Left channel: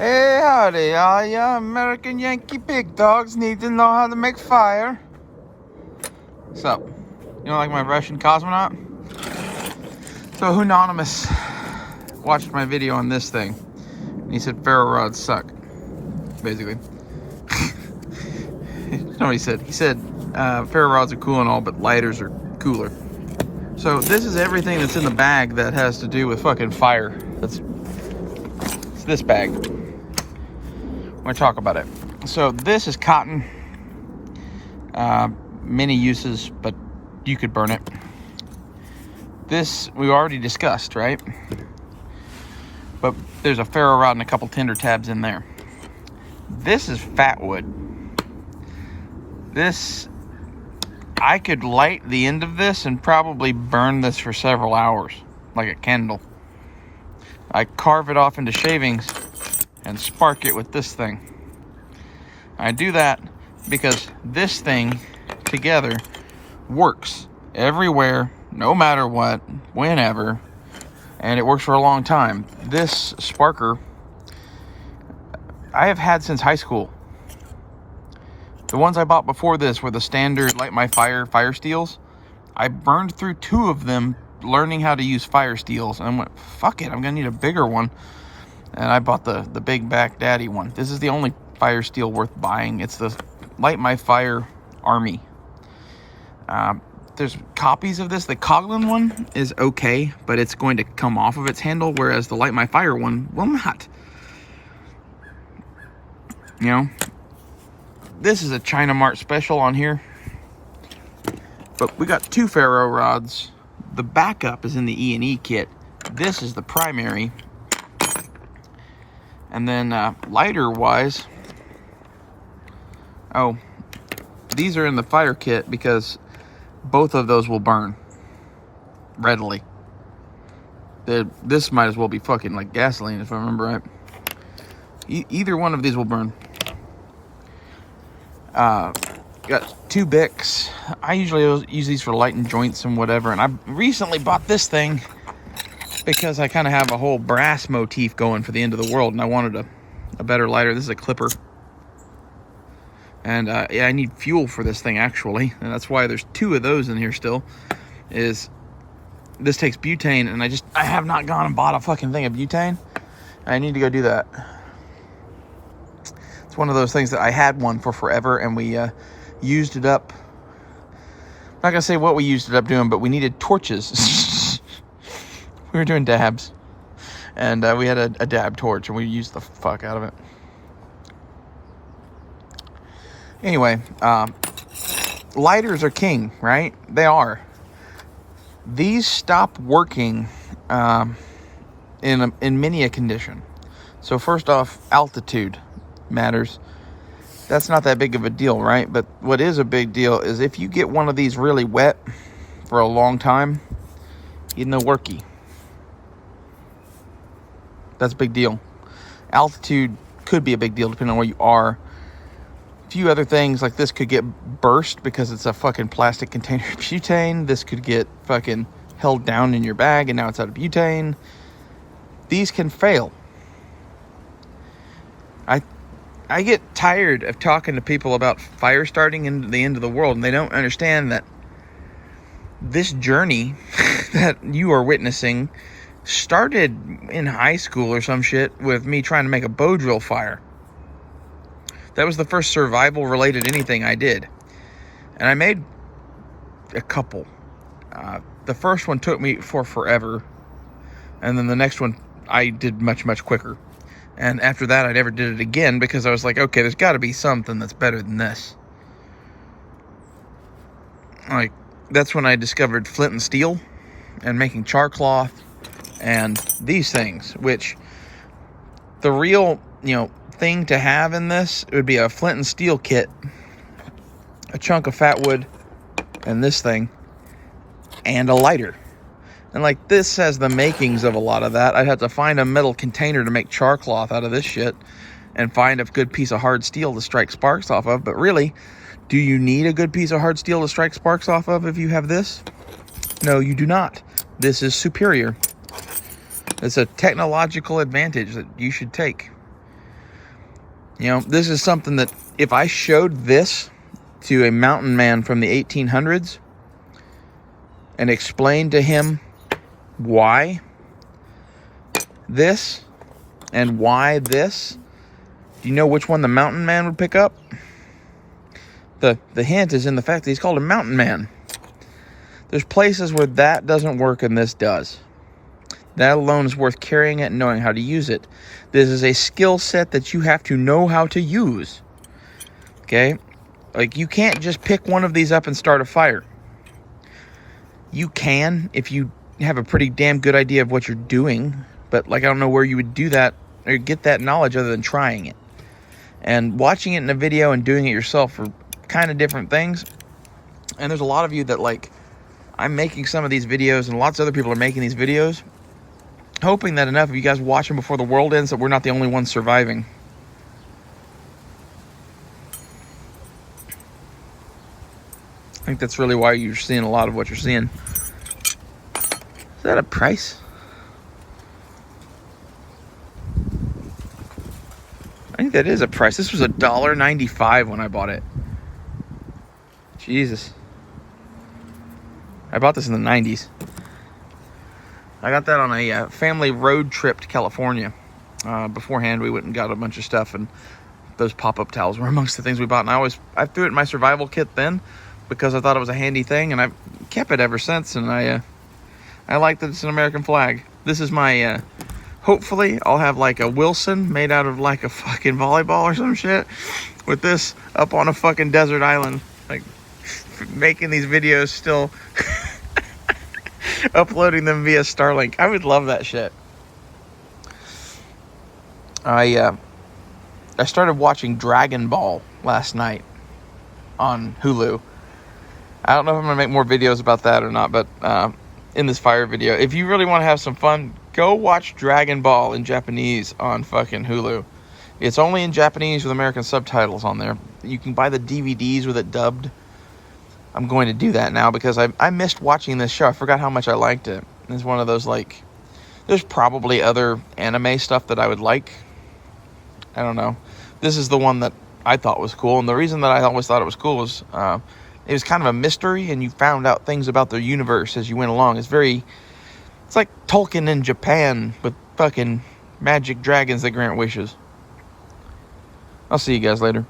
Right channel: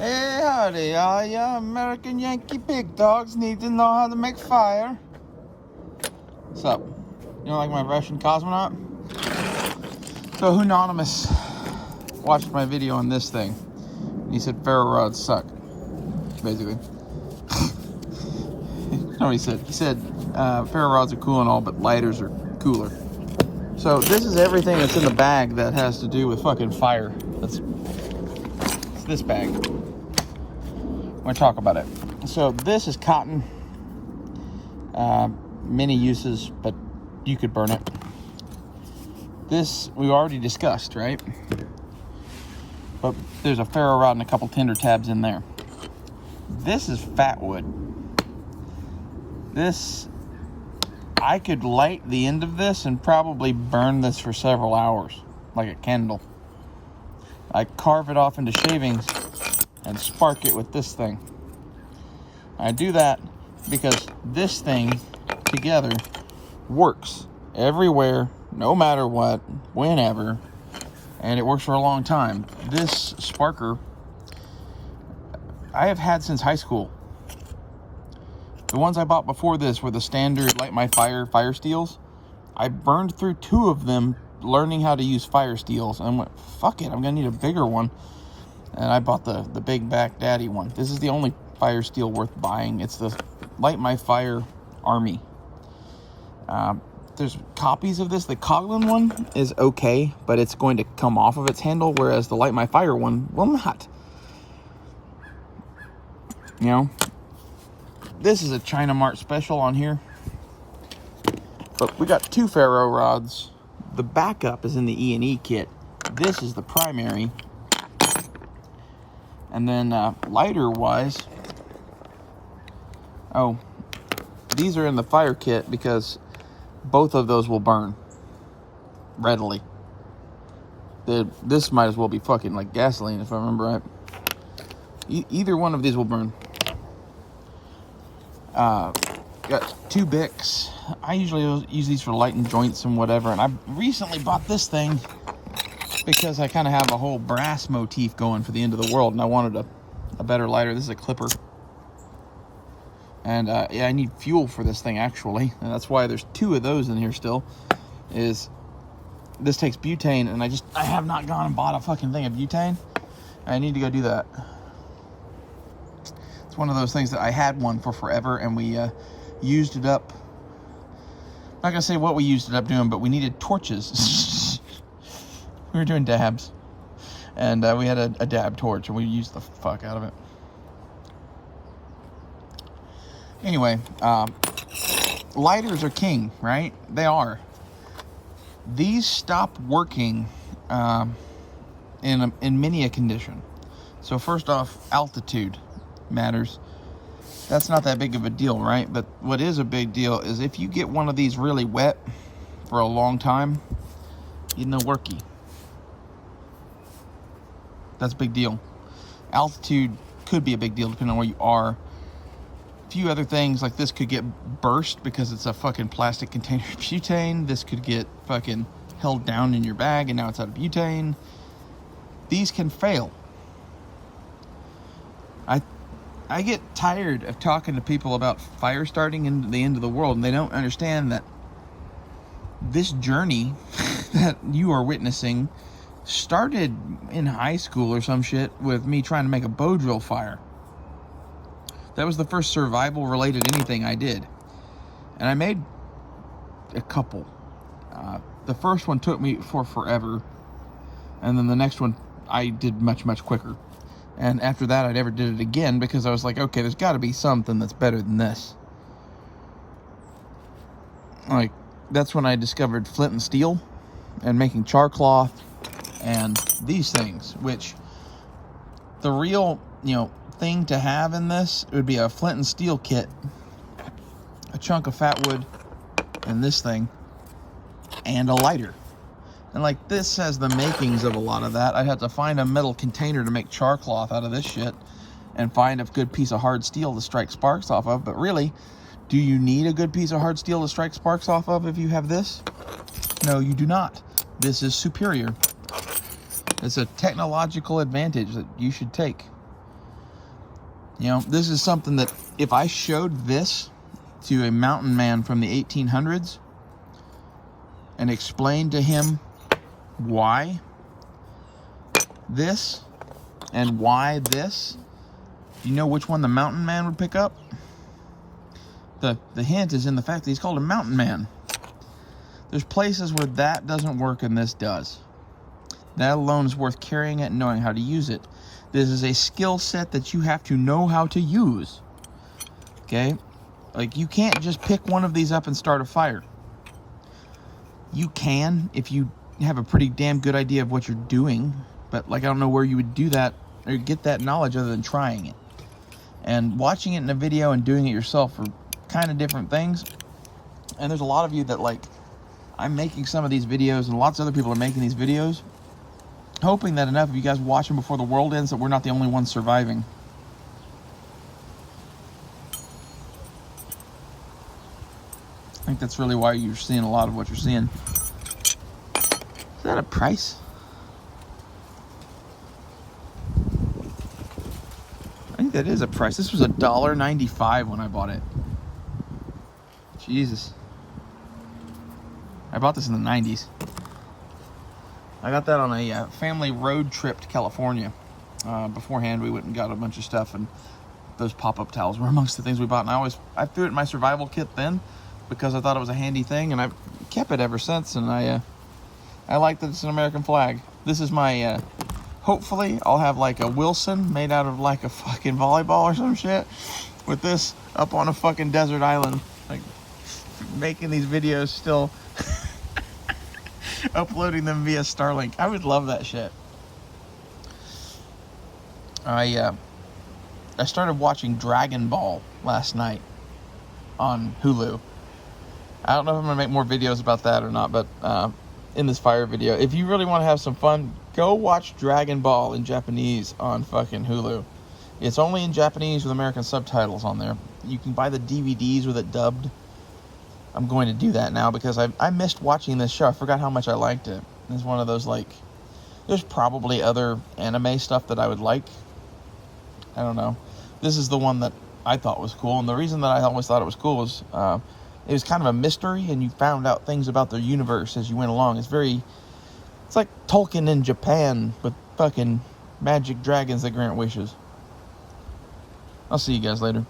Hey, howdy, all ya American Yankee big dogs need to know how to make fire. What's up? You don't like my Russian cosmonaut? So, Anonymous watched my video on this thing, and he said ferro rods suck, basically. He said ferro rods are cool and all, but lighters are cooler. So, this is everything that's in the bag that has to do with fucking fire. It's this bag. I'm going to talk about it. So this is cotton. Many uses, but you could burn it. This we already discussed, right? But there's a ferro rod and a couple tinder tabs in there. This is fat wood. This, I could light the end of this and probably burn this for several hours, like a candle. I carve it off into shavings and spark it with this thing. I do that because this thing together works everywhere, no matter what, whenever, and it works for a long time. This sparker I have had since high school. The ones I bought before this were the standard Light My Fire steels. I burned through 2 of them learning how to use fire steels, and I went, fuck it, I'm gonna need a bigger one. And I bought the big back daddy one. This is the only fire steel worth buying. It's the Light My Fire Army. There's copies of this. The Coghlan one is okay, but it's going to come off of its handle, whereas the Light My Fire one will not. You know, this is a China Mart special on here. But we got 2 ferro rods. The backup is in the E&E kit. This is the primary. And then lighter-wise, oh, these are in the fire kit because both of those will burn readily. This might as well be fucking like gasoline, if I remember right. Either one of these will burn. Got 2 Bics. I usually use these for lighting joints and whatever, and I recently bought this thing because I kind of have a whole brass motif going for the end of the world, and I wanted a better lighter. This is a clipper. And yeah, I need fuel for this thing, actually. And that's why there's 2 of those in here still. Is this takes butane, and I have not gone and bought a fucking thing of butane. I need to go do that. It's one of those things that I had one for forever, and we used it up. I'm not going to say what we used it up doing, but we needed torches. We were doing dabs, and we had a dab torch, and we used the fuck out of it. Anyway, lighters are king, right? They are. These stop working in many a condition. So first off, altitude matters. That's not that big of a deal, right? But what is a big deal is if you get one of these really wet for a long time, you know, worky. That's a big deal. Altitude could be a big deal depending on where you are. A few other things like this could get burst because it's a fucking plastic container of butane. This could get fucking held down in your bag and now it's out of butane. These can fail. I get tired of talking to people about fire starting in the end of the world, and they don't understand that this journey that you are witnessing started in high school or some shit with me trying to make a bow drill fire. That was the first survival related anything I did. And I made a couple. The first one took me for forever. And then the next one I did much, much quicker. And after that, I never did it again because I was like, okay, there's got to be something that's better than this. Like, that's when I discovered flint and steel and making char cloth and these things, which the real, thing to have in this, it would be a flint and steel kit, a chunk of fat wood, and this thing, and a lighter. And like this has the makings of a lot of that. I'd have to find a metal container to make char cloth out of this shit and find a good piece of hard steel to strike sparks off of. But really, do you need a good piece of hard steel to strike sparks off of if you have this? No, you do not. This is superior. It's a technological advantage that you should take. You know, this is something that if I showed this to a mountain man from the 1800s and explained to him why this and why this, do you know which one the mountain man would pick up? The hint is in the fact that he's called a mountain man. There's places where that doesn't work and this does. That alone is worth carrying it and knowing how to use it. This is a skill set that you have to know how to use. Okay? Like, you can't just pick one of these up and start a fire. You can if you have a pretty damn good idea of what you're doing. But, like, I don't know where you would do that or get that knowledge other than trying it. And watching it in a video and doing it yourself are kind of different things. And there's a lot of you that, like, I'm making some of these videos and lots of other people are making these videos, hoping that enough of you guys watch them before the world ends that we're not the only ones surviving. I think that's really why you're seeing a lot of what you're seeing. Is that a price? I think that is a price. This was $1.95 when I bought it. Jesus. I bought this in the 90s. I got that on a family road trip to California. Beforehand, we went and got a bunch of stuff, and those pop-up towels were amongst the things we bought. And I threw it in my survival kit then because I thought it was a handy thing, and I've kept it ever since. And I like that it's an American flag. This is my, hopefully I'll have like a Wilson made out of like a fucking volleyball or some shit with this up on a fucking desert island. Like, making these videos still, uploading them via Starlink. I would love that shit. I started watching Dragon Ball last night on Hulu. I don't know if I'm gonna make more videos about that or not, but in this fire video, if you really want to have some fun, go watch Dragon Ball in Japanese on fucking Hulu. It's only in Japanese with American subtitles on there. You can buy the DVDs with it dubbed. I'm going to do that now because I missed watching this show. I forgot how much I liked it. It's one of those, like, there's probably other anime stuff that I would like. I don't know. This is the one that I thought was cool. And the reason that I always thought it was cool was it was kind of a mystery, and you found out things about the universe as you went along. It's like Tolkien in Japan with fucking magic dragons that grant wishes. I'll see you guys later.